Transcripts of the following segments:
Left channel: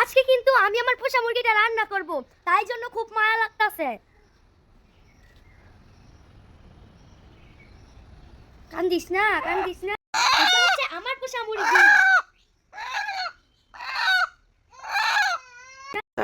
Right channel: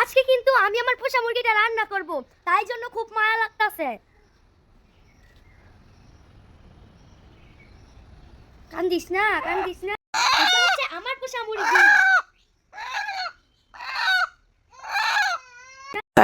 আজকে কিন্তু আমি আমার পোষা মুরগিটা রান্না করব, তাই জন্য খুব মায়া লাগতাছে। কান্দিস না কান্দিস না। আমার পোষা মুরগি।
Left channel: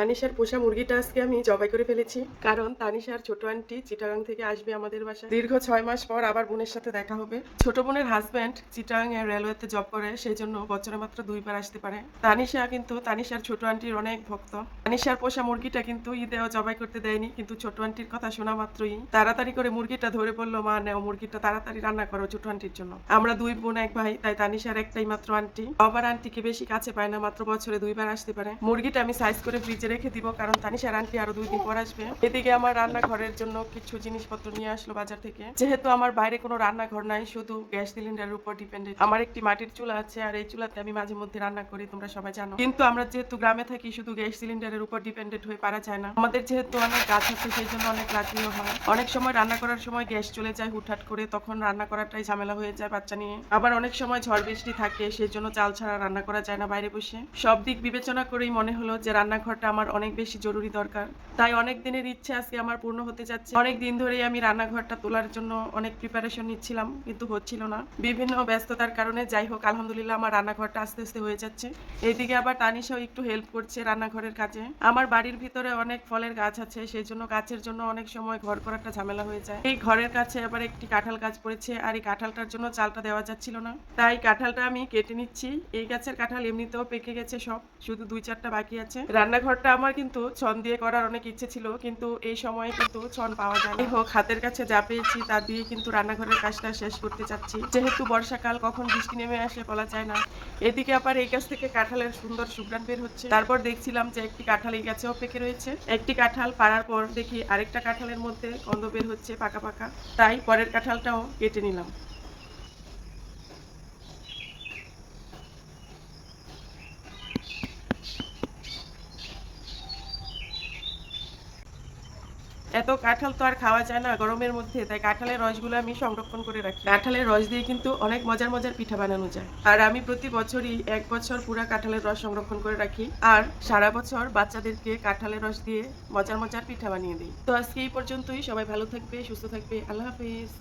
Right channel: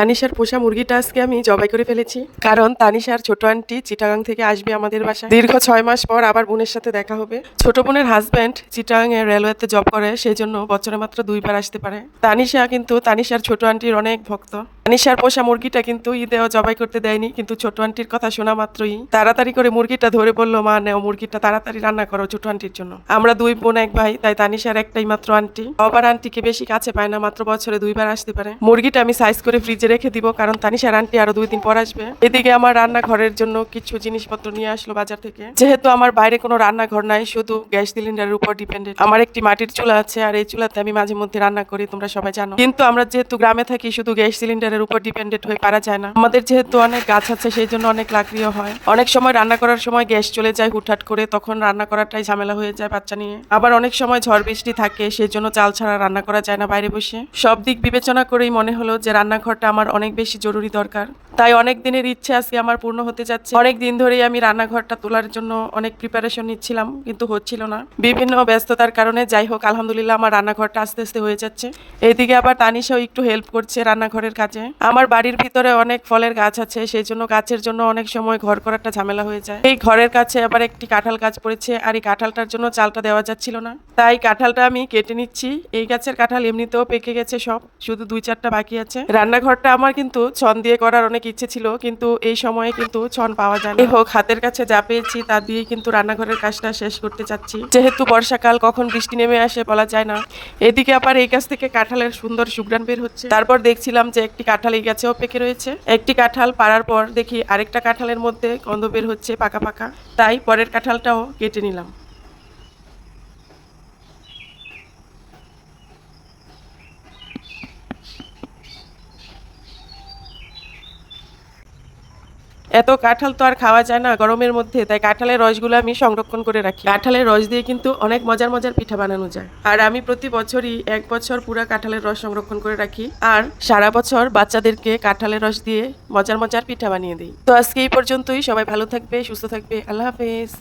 তানিশার পোষা মুরগিটা আজকে আমি জবাই করে ফেলেছি। কারণ তানিশার ছোট আন্টি চিটাগাং থেকে আসবে আমাদের বাসায়। দীর্ঘ ছয় মাস পর আবার বোনের সাথে দেখা হবে। ছোট বোনের হাজব্যান্ড চিটাগাং এর রেলওয়েতে জব করে সেই জন্য বছরে মাত্র দুইবার আসতে পারে। তানিশা কিন্তু তানিশার ছোট আন্টির অনেক ভক্ত। তানিশার পোষা মুরগিটা কিন্তু ঈদেও জবাই করতে দেয়নি, কিন্তু ছোট আন্টির কথা শোনা মাত্রই তাড়াতাড়ি করে মুরগিটা ধরে বলল, মা, নেও মুরগিটা তাড়াতাড়ি রান্না করো ছোট আন্টির জন্য। আমরা দুই বোন এক ভাই, তাই তানিশার একটাই মাত্র আন্টি। আবার আন্টিকে বেশি কাছে পায় না, মাত্র বছরে দুইবার আসতে পারে। মুরগিটা আমি সাইজ করে ফ্রিজে রেখে দিব, কারণ তানিশার আন্টি আরও দুই দিন পর আসবে। এদিকে আমার রান্নাঘরের জন্য কিছু জিনিসপত্র নিয়ে আসলো বাজার থেকে। যেহেতু আমার বাইরে কোনো রান্নাঘর নাই, শুধু গ্যাস সিলিন্ডারের উপর ডিপেন্ডেন্ট আমার একটি মাটির চুলা আছে, আর এই চুলাতে আমি মাঝে মধ্যে রান্না করি, তোমরা সবাই জানো। কিন্তু আমরা যেহেতু গ্রামে থাকি, শুধু গ্যাস সিলিন্ডারের উপর ডিপেন্ডেন্ট হয়ে পারা যায় না। আমাদের যেহেতু অনেক গাছ আছে, সেই জন্য অনেক লাকড়িও হয়। অনেক সময় রান্না করার সময় গ্যাস চলে যায় হুটহাট করে, তখন রান্না করাটাই ঝামেলা হয়ে যায় বাচ্চা নিয়ে। আবার অনেক সময় ঝড় বৃষ্টি থাকে, সেই জন্য চাল ছাড়া রান্না করা যায় না বাইরে বসে। সব দিক বিবেচনা করেই মনে হলো যে রান্নাঘরটা আমার অনেক বেশি জরুরি দরকার। তাই অনেক দিনের ইচ্ছে আজকে আমার পূর্ণ হতে যাচ্ছে। অনেক দিন ধরেই আমি রান্নাঘরটা তোলার জন্য অনেক প্রিপারেশন নিচ্ছিলাম, কিন্তু হচ্ছিল না। বিভিন্ন ব্যস্ততার কারণে যাই হোক, আলহামদুলিল্লাহ আমার রান্নাঘরটা আস্তে আস্তে হয়ে যাচ্ছে। এইদিকে আবার তানিশাও একটু হেল্প করছে রান্নাঘরের কাজে। আমার বাড়ির ভিতরে অনেক ফলের গাছ আছে সেই জন্য গাছের জন্য অনেক সময় ঘর করাটা ঝামেলা হয়ে যায়। এই ঘরের কাছে আবার একটি কাঁঠাল গাছ পড়েছে, আর এই কাঁঠালটার জন্য চালটা দেওয়া যাচ্ছিল না। তাই কাঁঠালটা আমি কেটে নিচ্ছি। এই গাছের কাঁঠাল এমনিতেও পেকে গেছে সব, শুধু দুই চারটা বাকি আছে। রান্নাঘরটা আমার কিন্তু ছন দিয়ে করার অনেক ইচ্ছে ছিল কিন্তু এই সময়ে কিন্তু ছন পাওয়া যায় না। হোক হাতের কাছে যা পেয়েছি তা দিয়ে কিন্তু রান্নাঘরের কাজটা শেষ করতে চাচ্ছি। যেহেতু বর্ষাকাল কখন বৃষ্টি নেমে আসে বলা যায় না। এদিকে আবার এই গাছ থেকে কাঁঠালের সুন্দর সুগ্রান বের হচ্ছে। তারপর দেখছিলাম যে একটি কাঁঠাল এই গাছেও পেকে রয়েছে। একটি কাঁঠাল পাড়ার পর দেখি আরেকটা কাঁঠালের মধ্যে গন্ধ বের হচ্ছে পাকা পাকা। তাই পরের কাঁঠালটাও কেটে নিলাম। এত কাঁঠাল তো আর খাওয়া যায় না গরমের মধ্যে, তাই কাঁঠালের রসগুলো আমি সংরক্ষণ করে রাখি। কাঁঠালের রস দিয়ে কিন্তু অনেক মজার মজার পিঠা বানানো যায়। আর আমি প্রতি বছরই এক বছর পুরা কাঁঠালের রস সংরক্ষণ করে রাখি। আর সারা বছর বাচ্চাদেরকে কাঁঠালের রস দিয়ে মজার মজার পিঠা বানিয়ে দিই। তো আজকে এই পর্যন্তই, সবাই ভালো থাকবে, সুস্থ থাকবে, আল্লাহ হাফেজ।